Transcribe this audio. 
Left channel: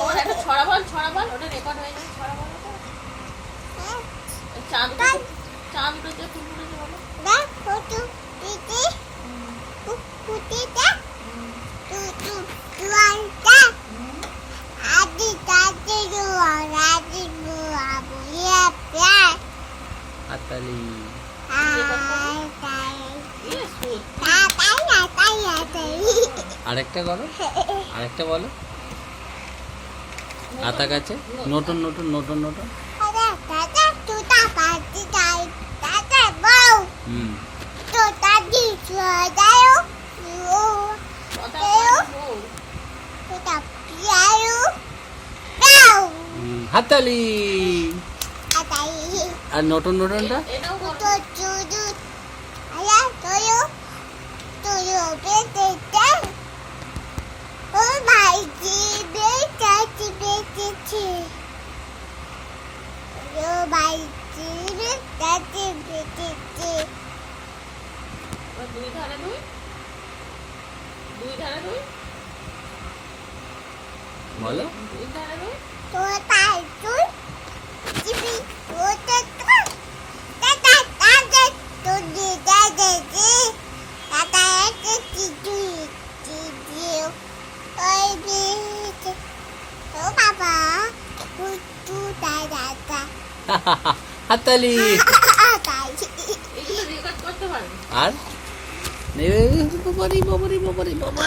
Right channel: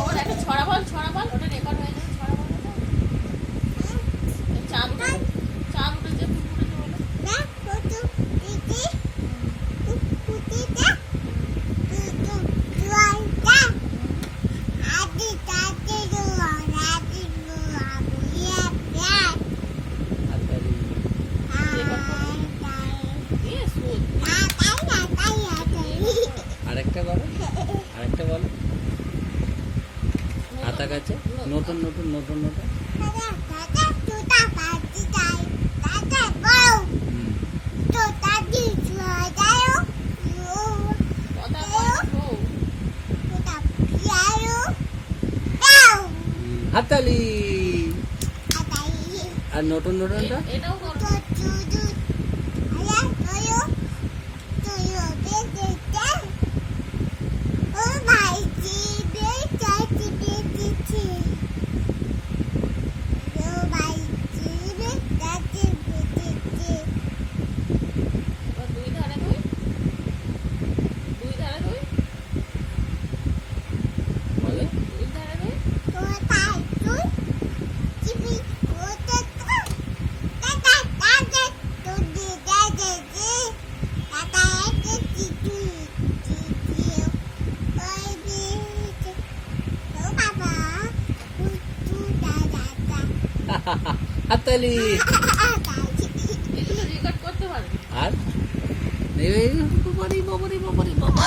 ওটা একটা ছড়া বল ওটা রেকর্ড হয়ে যাবে ছড়া বল ওটা চাঁদ উঠেছে ফুল ফুটেছে বলো হাততালি। আরেকটা করো, আরেকটা বলো। হাতা কাছে নতুন নতুন নতুন নতুন। হুম। হাততালি। আর নতুন নতুনটা এটাও করো দুই ধারে দুই বলো। দুই ধারে দুই হাততালি। এগুলো রেকর্ড করতে পারবে আর বাবারি বাবারি বাবারি বাবা।